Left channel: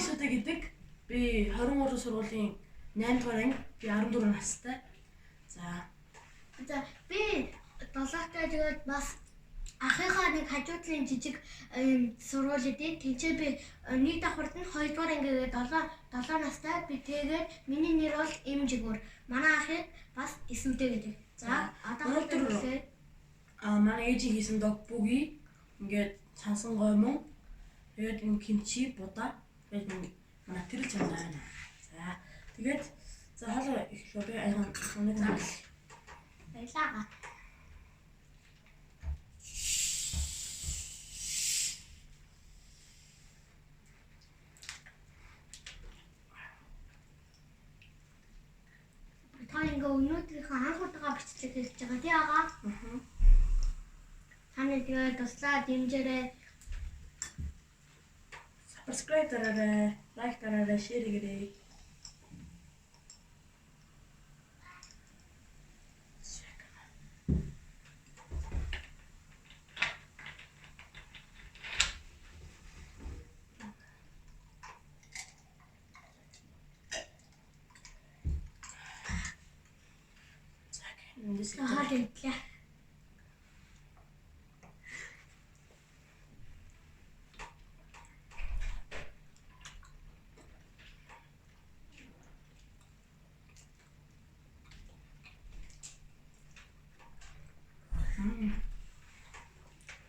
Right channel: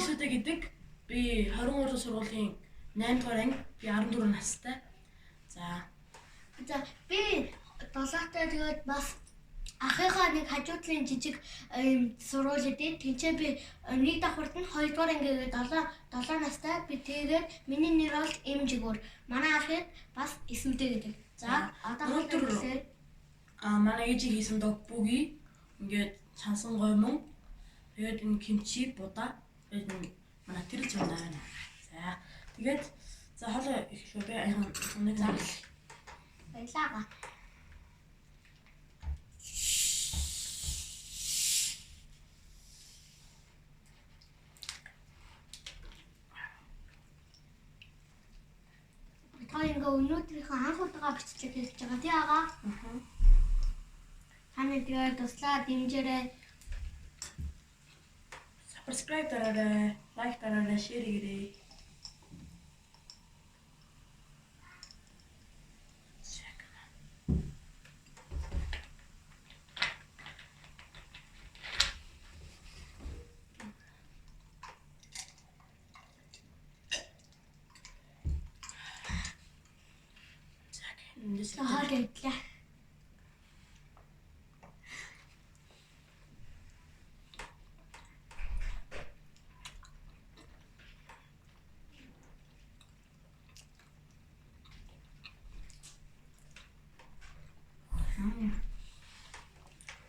Исүдэ гэдэг би 23 сургуулийн 8 дугаар анги, би 14 настай. За би 7-тай тэгээд бас ахыхаа нэг хажуудлын жижиг сургууль дээр тэнцээ би 1 давхарт нь 2 дугаар анги гээд 7 настай би тэгээд миний нэр бол Эмжигүр. Манай ахыг бас Исүдэ гэдэг. За одоо хэлээ. Манай ээжийн хийсэн дог бүги ингээд сансан гомон. Тэгээд энэ кимчи будаа. Тэгээд манай тэрэл чамд байна. За тэгээд за хоолой эхлэв би аяхан нэг зарлаа. Баялаа. Ингээ өнөөдрийнхөө анх удаага бичлэг хийж байгаа тий агаа. Таны тэгээд туслаа дэмжээрэй. Subscribe дараарай, лайк дараарай, share хийгээрэй. Аа гэтлээ.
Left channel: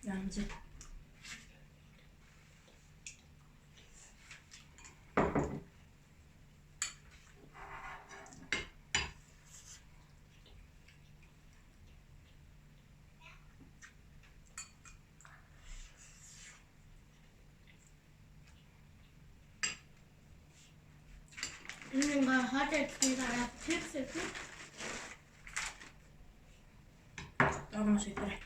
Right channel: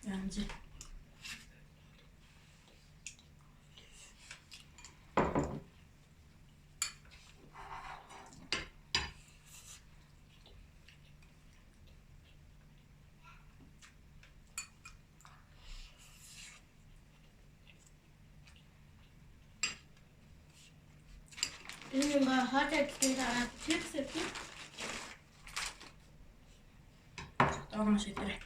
Янзы. Энэ ингээ хоолой гэхээс дараа чипс өгөх. Дагнаш идрээ.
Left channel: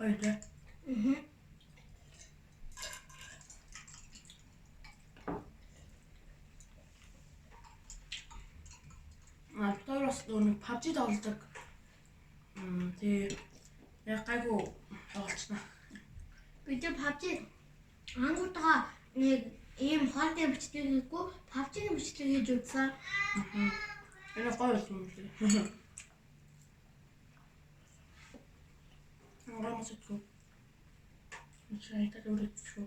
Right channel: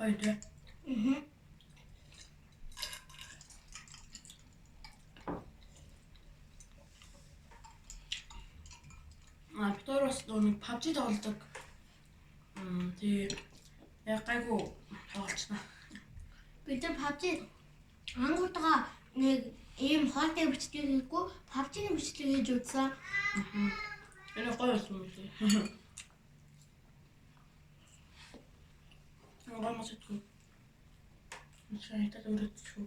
Ой дээ. Второс нэг PUBG тоглодог. Яг гайгүй тоглолцсон. Бид PUBG ангуудгаа нэг ийм хоолтой бичлэг хийгээгүй PUBG-ийн бичлэг хийж үзсэн. Энэ гоё юм лээ. Ангамаас итгүү. Шайтай өрөцчүү.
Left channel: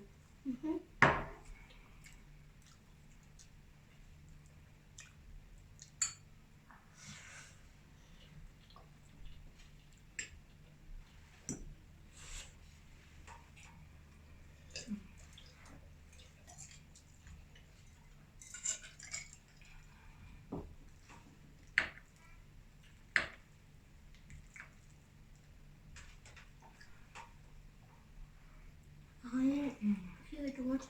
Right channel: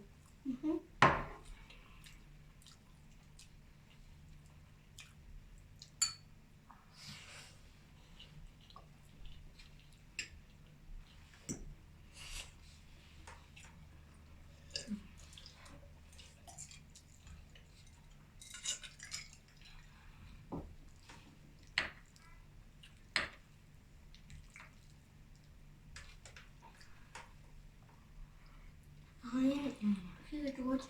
Хийгээд өгөөч.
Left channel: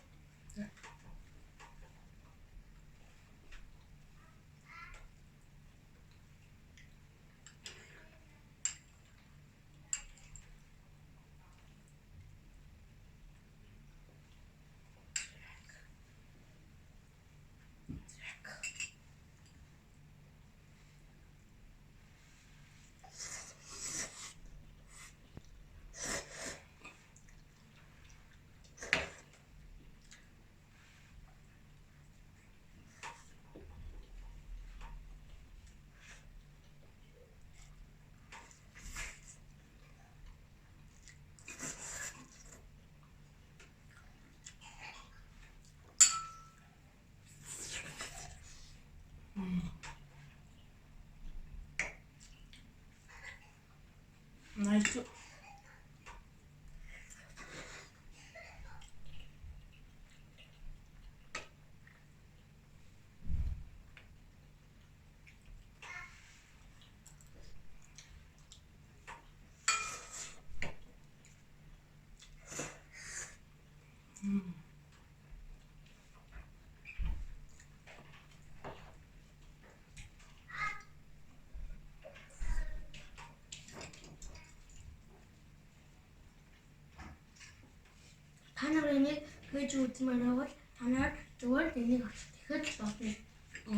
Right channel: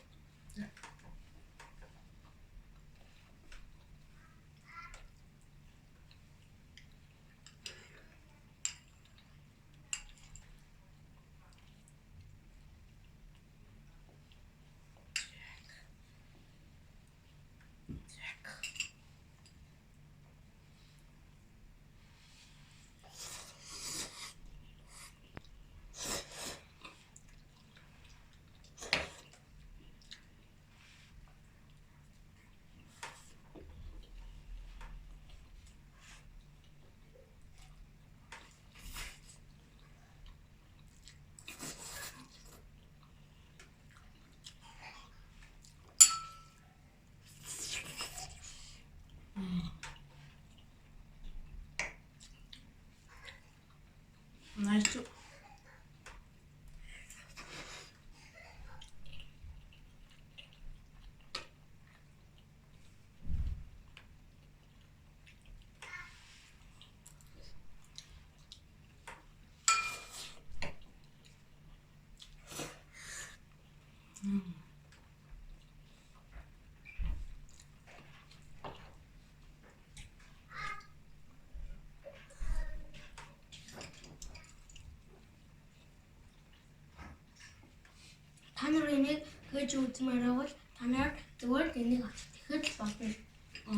та нар энийг хийж үзмээр бол та нар зүгээр энийг авч тэгэхэд л болно.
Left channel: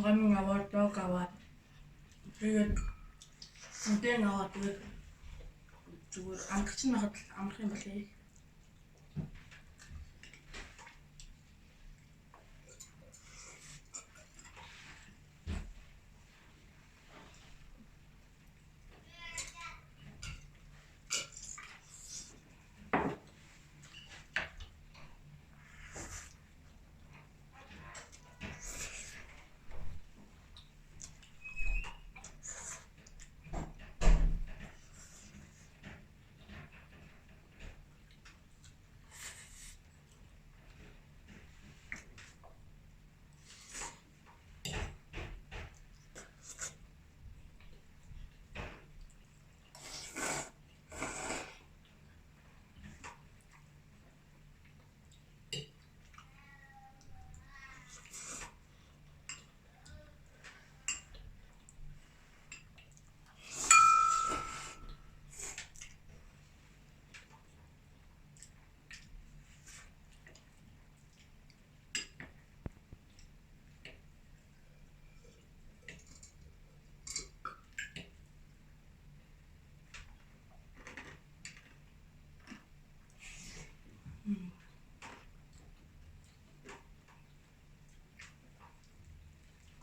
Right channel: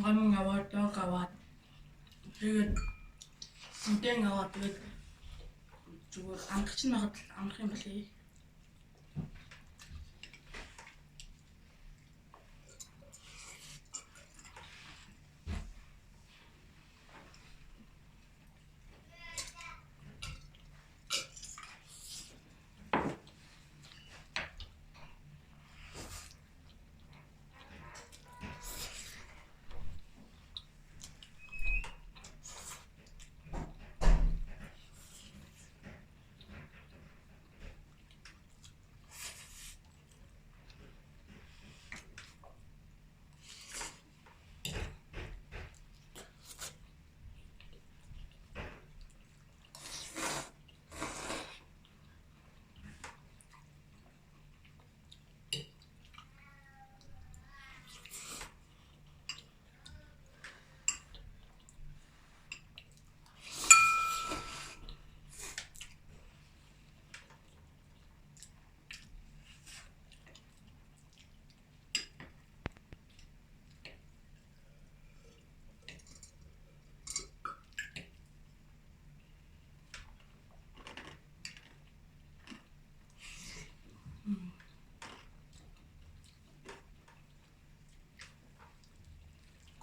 Гомн аваад дог аваад тэгээд үдэн аваад тэгээд зүгээр амтгч нахад амрах юм болий.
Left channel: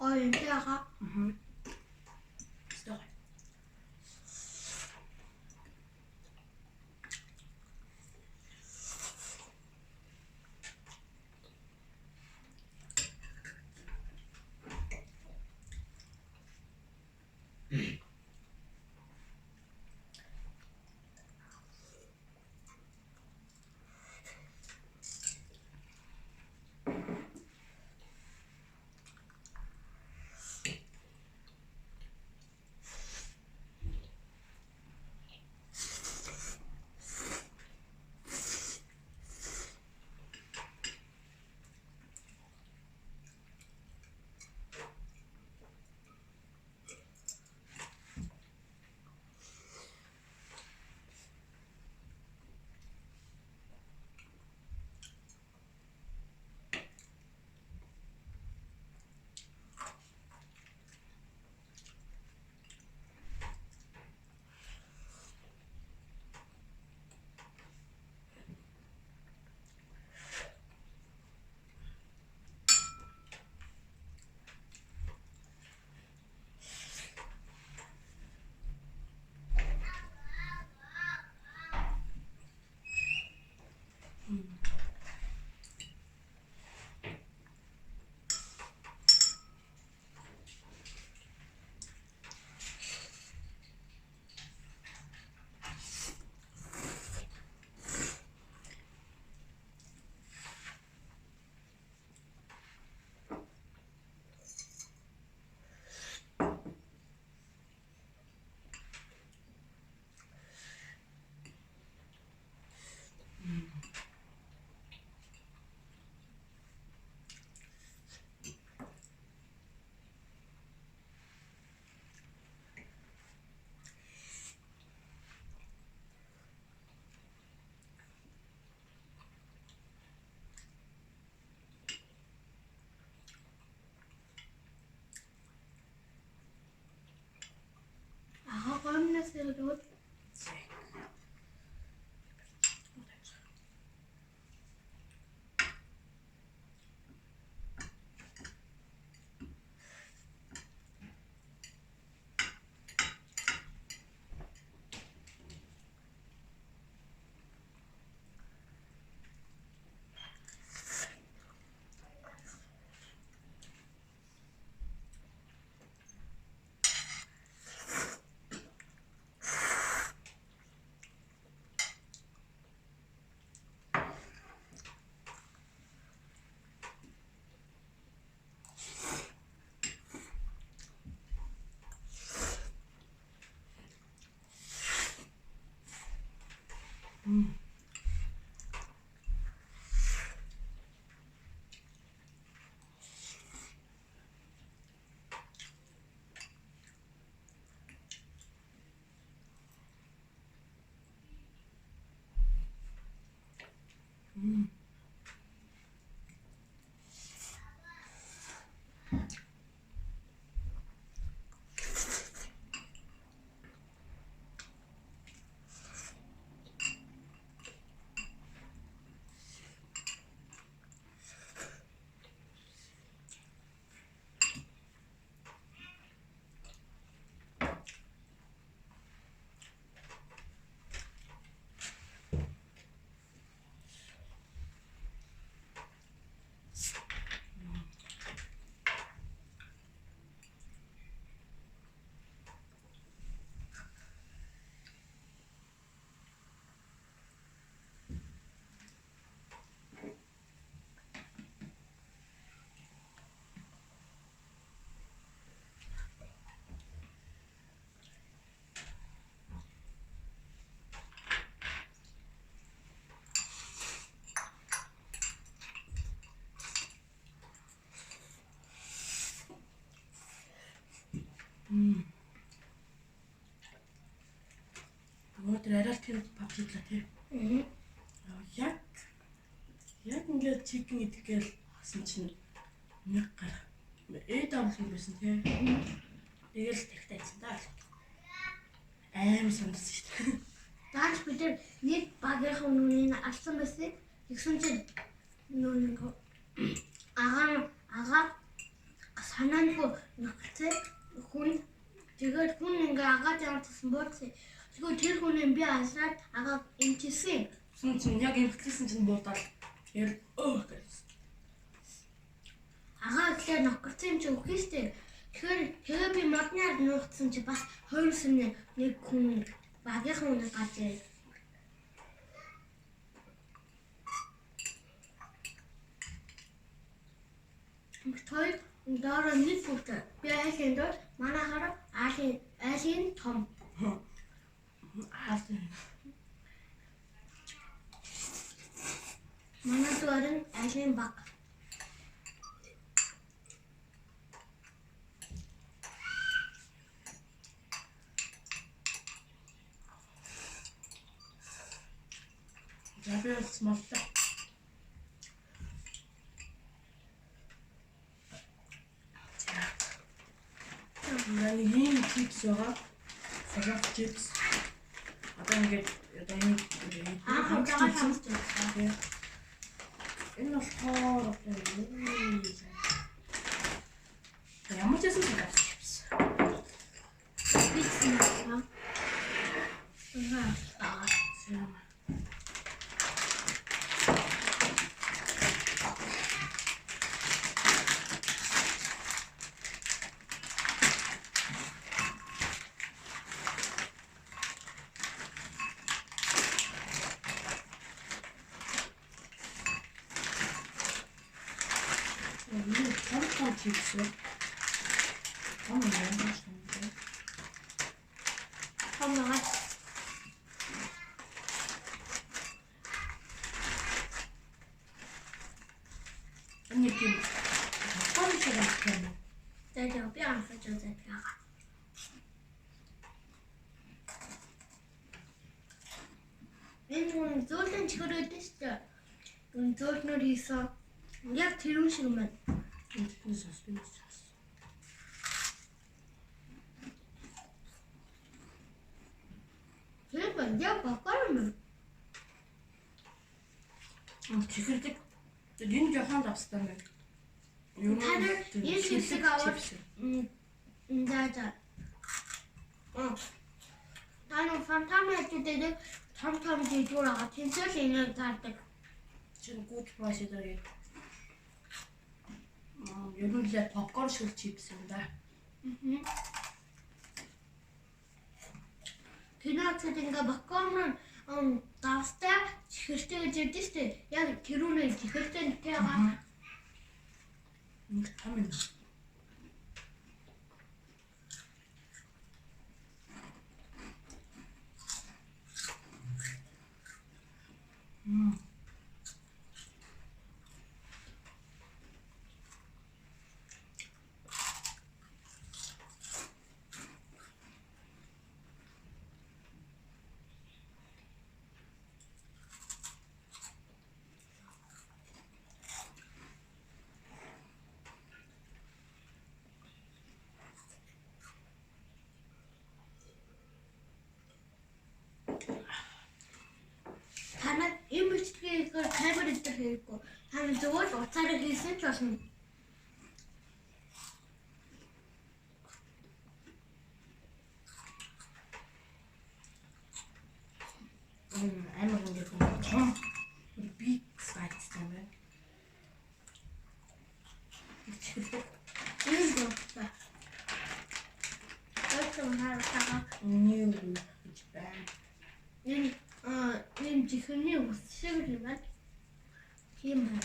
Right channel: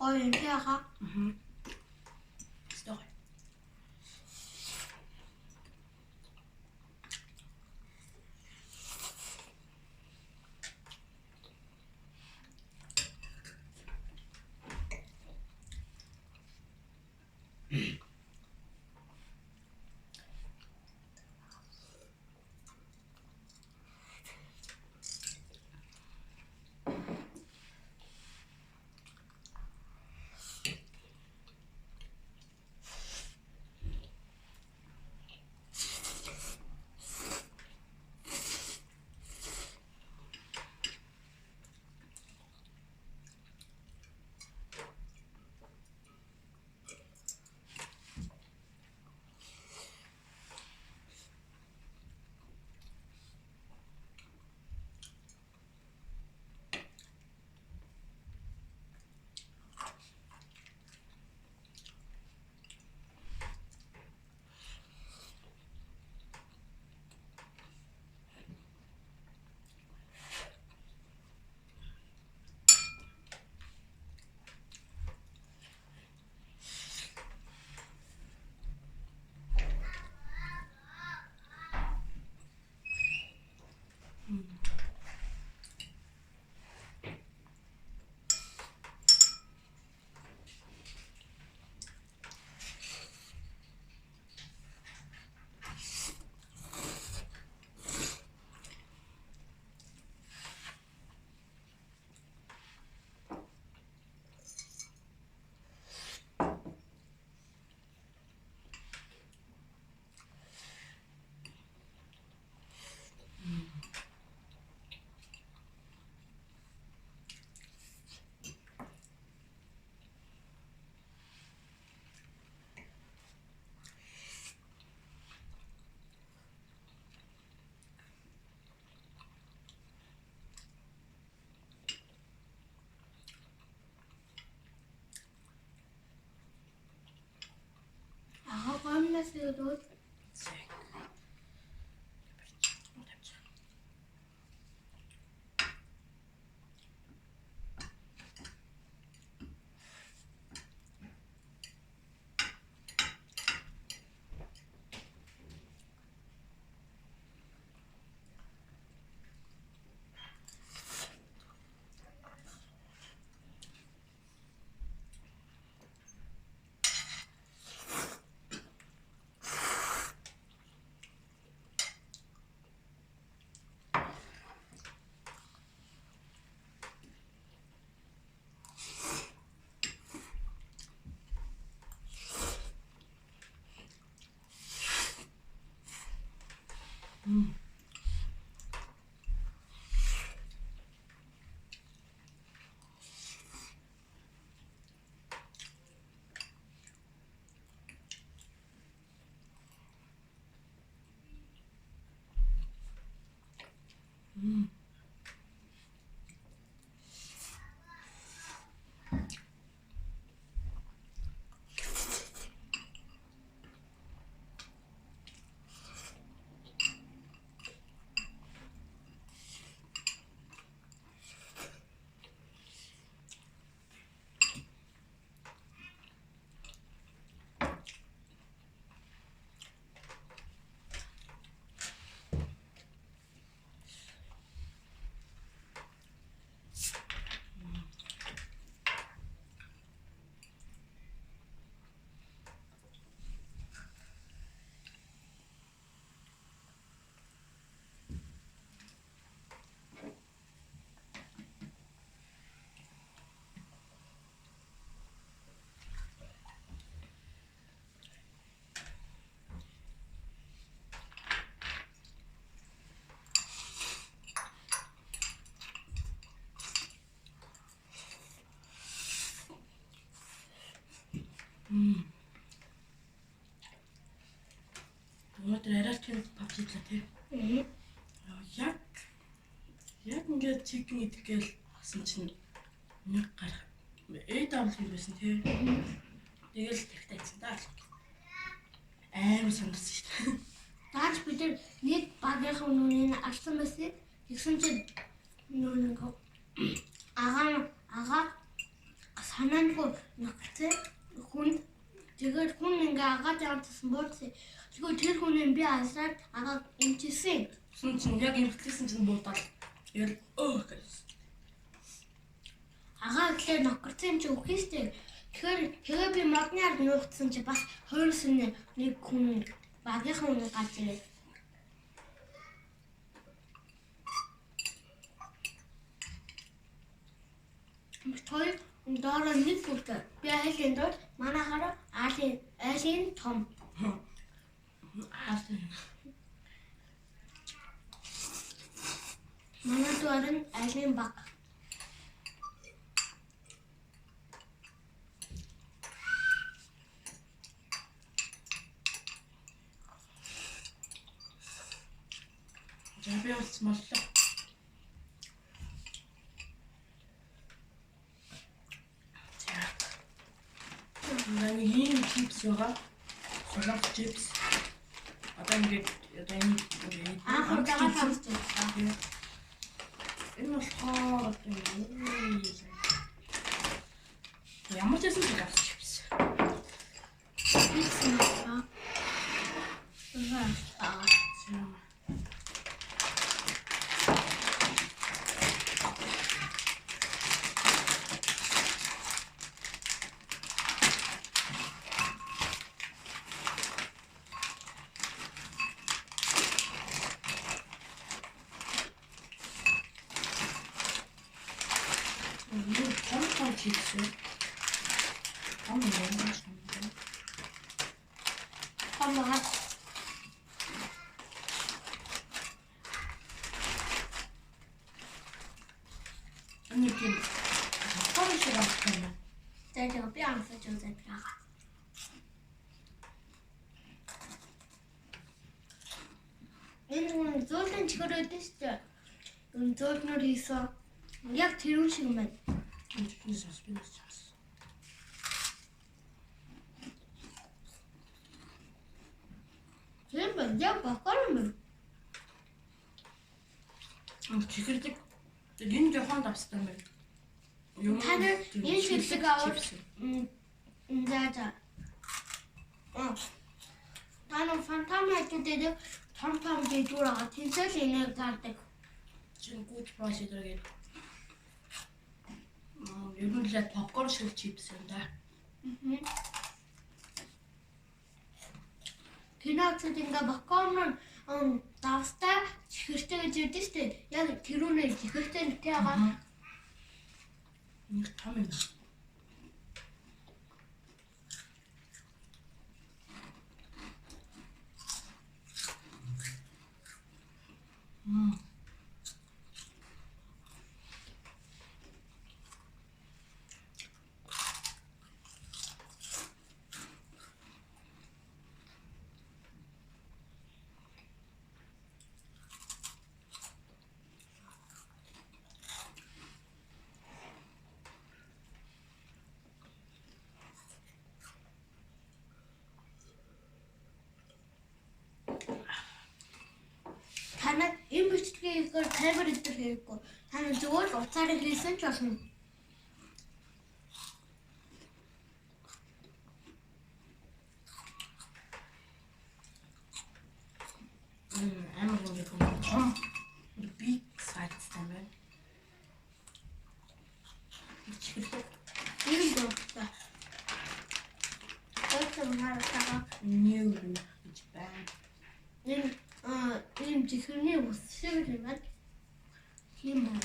Гоё юм тий хаа. Стог. Аа гомнос өгөөд ингээд чикен идэх гээл хасан чинь нэг гар AW байсан тий. Тэгэл тэгтээ ийцэн даа. Амар санагдсан шүү дээ. Дааж бид нэг багийнхаа нүрийг алсан байсан. Тэгсэн чинь нүрийг агаа санаангүй нөхцөл хүн тэгээд хүн ингээ агаа жаантсан бууцсан. Тэгвэл тэр хүнийг би алсаад агаа эмчилсэн. Тэгсэн чинь яг эмхлээсэн чинь буудаад тэгэл гэсэн. Агаа ихлээр нөхөрсөн юм чи үгүй шүү дээ. Тэгэхээр би модны ард нуугдсан чи бас 20 нэг хүн багийнхаа үнэ гарч ирээд. Той дараа нэг фут. Би айлын дор манайхаар айлын том. Манай доор нь айлын баг. Жабиас маллаа. Манай ийм чипс байгаа. Солонгос чипс. Одоо ингээд Хамтдаа хамсч байна. Энэ болохоор ямар ч юм шиг чипс. Бич наа. Том чипс. Том юм шиг. Хамаа. Они тийм хавтар шиг байна. Тэгээд би амсаж үзээд байгаа. Энэ хүн зөөлөн чихрээд шүү дээ. Энэ зөөлнөр хийсэн. Яг тэрүүн шиг юм байна. Энэ спинас чипс. Тэр байна. Яг бакар юм. Чихэрдэг. Энэ жохон давстай байна. Та нар энэ чиглэг аваад за. Танаа фантами дэдэг том дэдгүүр байгаа. Тэнцэл энийг гардаг. Чин good price гэдэг. Ер нь л попкорн шиг чипс юм да. Пинацд ингээ попкорн давстай чихэртэй гэж яддаг шүү дээ. Яг тэрүүнээ чихэртэй нөтэй байгаа. Нэг том юм. Танаа энэ бичгийг камер дээр хийхгүй. Танаа зөвхөн уцаараа хийсэн ч болно. Амар ингээд том big size юм байна. Чихэрдэг. Энэ дөрөвтэй. Өөртөө хараа New гэж байна. энэ чихэрний ус шиг юм байна. Тийм байна.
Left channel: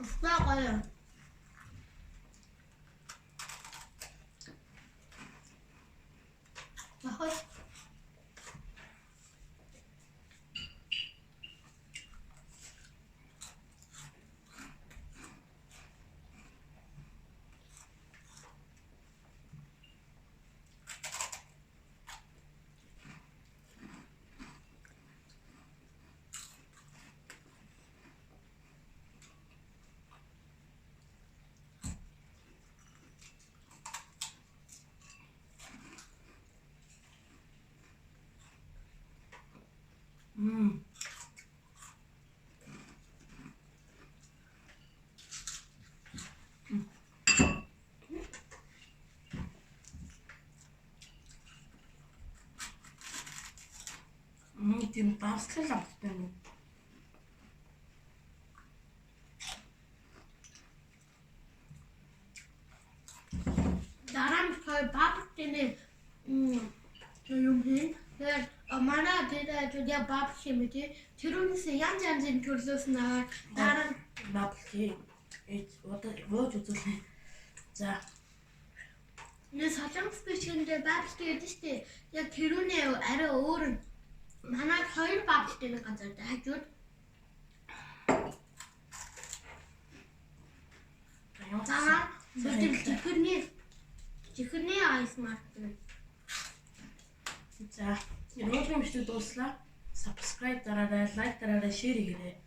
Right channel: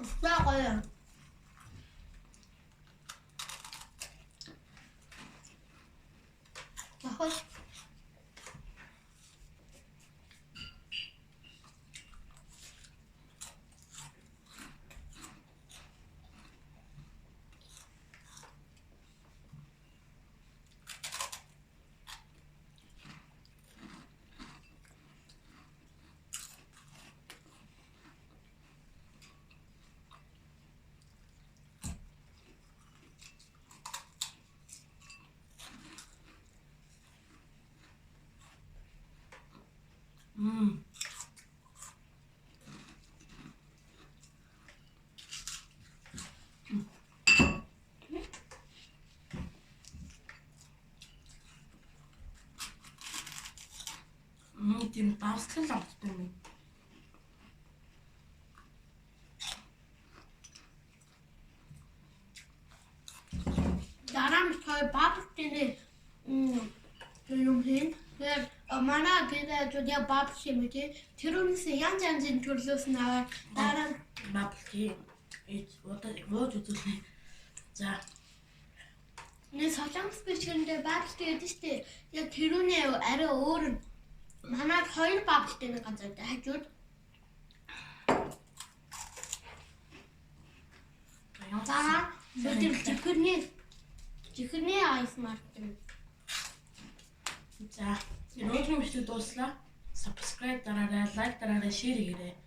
Устай гоё. тийм давсгал амттай юм. Дараа нь той бабтны юм хийн. Тэгээд манай тэгээд яг бабт юм тий. Тэрүүнээс янз янзын төрлөөс наваад дараа нь Бабки одоо вож үзүүлнэ. За нэг солонгос бичгэндээ бабт гэдэг шүү дээ. Яг тэрүүнээ арай өөр нь. Манайд 2 бабттай нэг газар дээр хажууд. За зөвхөн чихэрний айс маркер. За, энэ өдрийн бичлэг дууслаа. Subscribe дараарай, like дараарай, share хийгээрэй.